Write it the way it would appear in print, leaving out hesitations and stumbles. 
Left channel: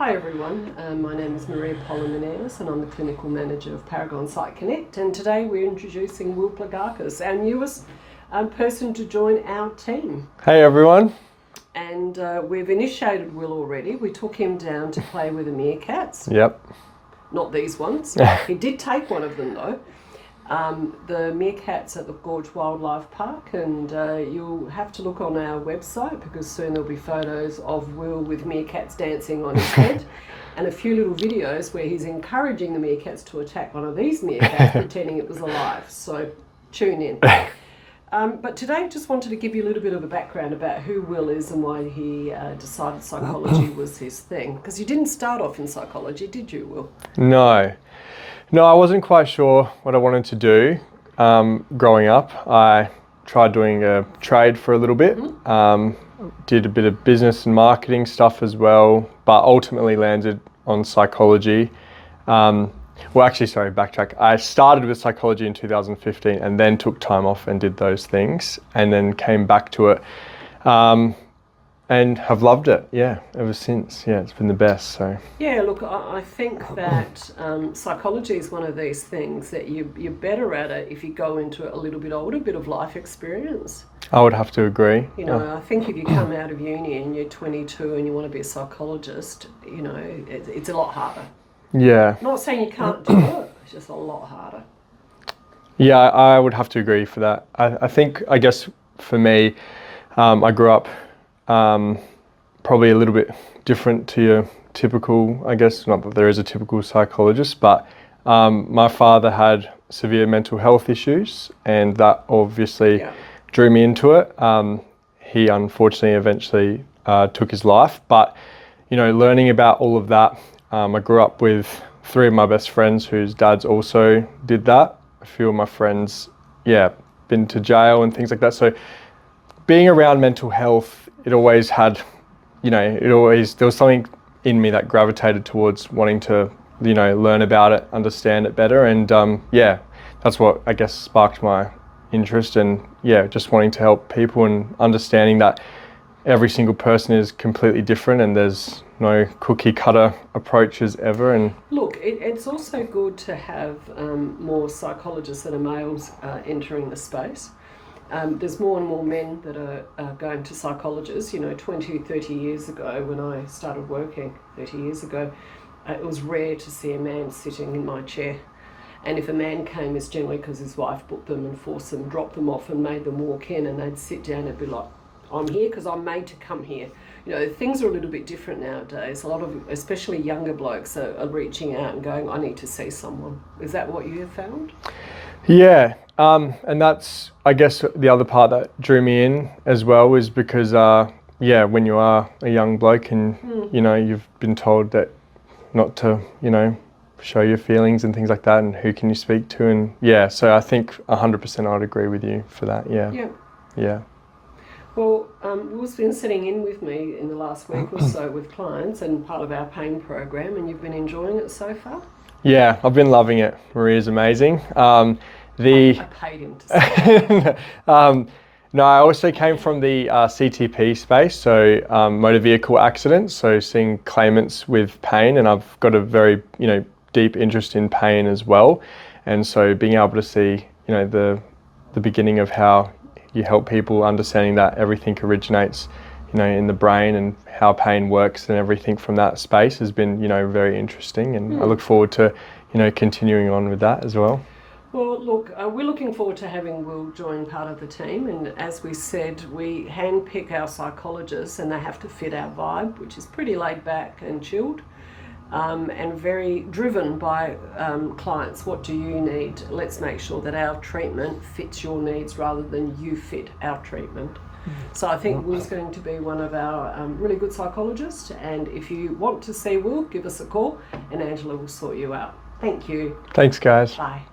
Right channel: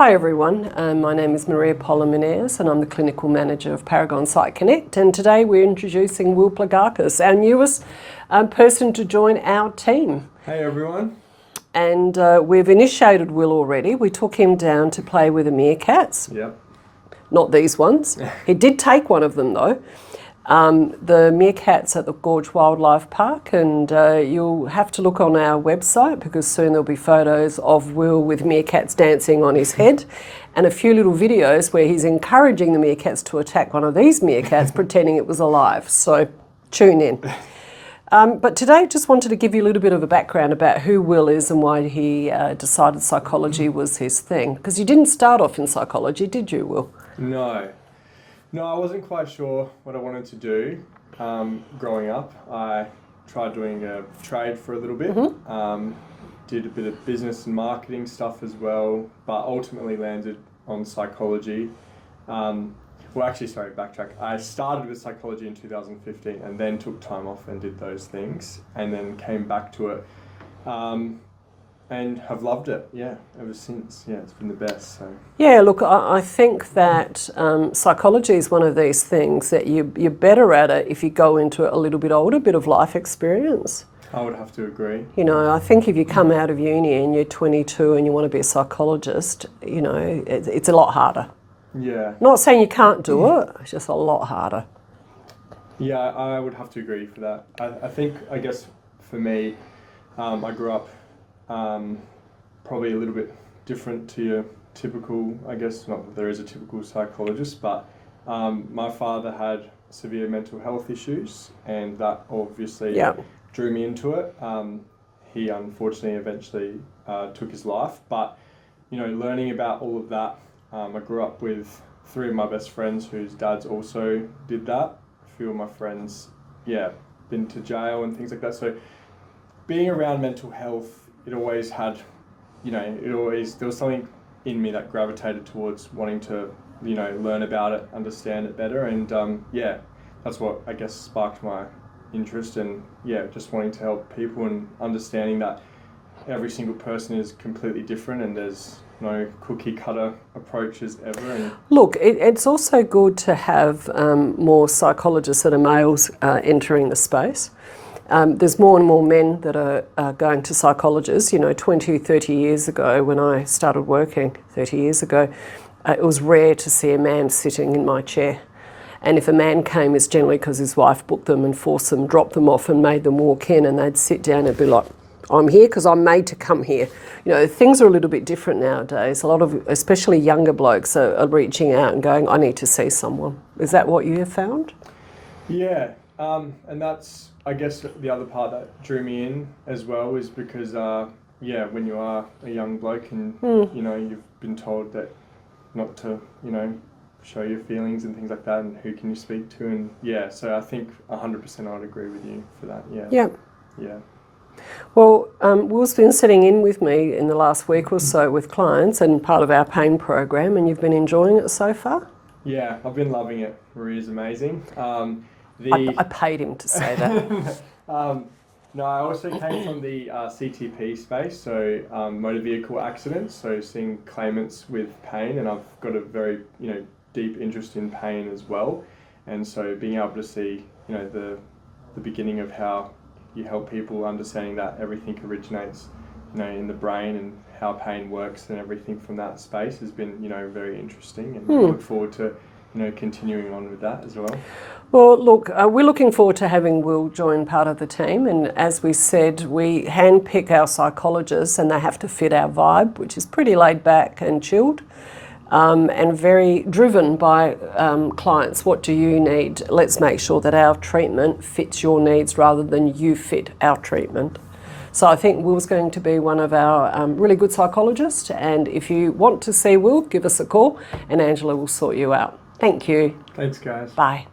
Hi everyone, my name is Maria Polymeniers and I'm the Clinical Manager of Paragon Psych Connect, and today we're introducing Will Plagakis, our newest person to join our team. Hey everyone. And we've initiated Will already. We took him down to play with the meerkats. Yep. Not these ones. He did take one of them though. The meerkats at the Gorge Wildlife Park, and you'll have to look on our website because soon there'll be photos of Will with meerkats dancing on his head and a few little videos where he's encouraging the meerkats to attack one of these meerkats pretending it was alive. So tune in. But today I just wanted to give you a little bit of a background about who Will is and why he decided psychology was his thing. Because you didn't start off in psychology, did you, Will? No, I wasn't quite sure what I wanted to do growing up. I tried doing a trade for a little bit, did a bit of business and marketing stuff as well, but ultimately landed on psychology. Backtrack. I started with psychology in 2015 and then took time off and did those things and then came back to it and have loved it, ever since. Yeah, it's been the best, so. Yeah, look, I think that psychology is one of these things that you're better at it if you go into it a little bit older, a bit of life experience. I would have to agree. You know, I think if you come out of uni and you're 22 and you want to be a psychologist, you know, it's a lot harder. Yeah. Not saying you can't do it, it's just a lot harder. Yeah, I would have to agree for that. I guess for me, I grew up probably a little bit different to your typical, I guess, not that there is a typical psychologist, but my father had severe mental health issues and that obviously drew me into it. He unfortunately eventually took his life, but you know, learning about all of that, I grew up with 3 of my best friends whose dads also did that. A few of my friends, been to jail and things like that. So being around mental health, it always had, there was something in me that gravitated towards wanting to, learn about it, understand it better. And that's what I guess sparked my interest and just wanting to help people and understanding that every single person is completely different and there's no cookie cutter approaches ever. And look, it's also good to have more psychologists that are males entering the space. There's more and more men that are going to psychologists. 20, 30 years ago when I started working, 30 years ago, it was rare to see a man sitting in my chair. And if a man came, it's generally because his wife booked them and forced them, dropped them off and made them walk in, and they'd sit down and be like, I'm here because I'm made to come here. Things are a little bit different nowadays. A lot of, especially younger blokes, are reaching out and going, I need to see someone. Is that what you have found? Yeah, and that's, I guess, the other part that drew me in as well is because, when you are a young bloke and, you've been told that not to, show your feelings and things like that and who can you speak to. And so I think 100% I'd agree with you for that, Yeah. Well, Will's been sitting in with me in the last week or so with clients and part of our pain program, and you've been enjoying it so far? Yeah, I've been loving it. Maria's amazing. I paid him to say that. No, I also came from the CTP space, so motor vehicle accidents, so seeing claimants with pain, and I've got a very, deep interest in pain as well. And so being able to see, the beginning of how you help people, understanding that everything originates, in the brain and how pain works and everything from that space has been, very interesting. And I look forward to, continuing on with that as well. Well, look, we're looking forward to having Will join part of the team. And as we said, we handpick our psychologists and they have to fit our vibe, which is pretty laid back and chilled. And very driven by clients. What do you need? Let's make sure that our treatment fits your needs rather than you fit our treatment. So I think Will's going to be one of our really good psychologists. And if you want to see Will, give us a call and Angela will sort you out. Thank you. Thanks, guys. Bye.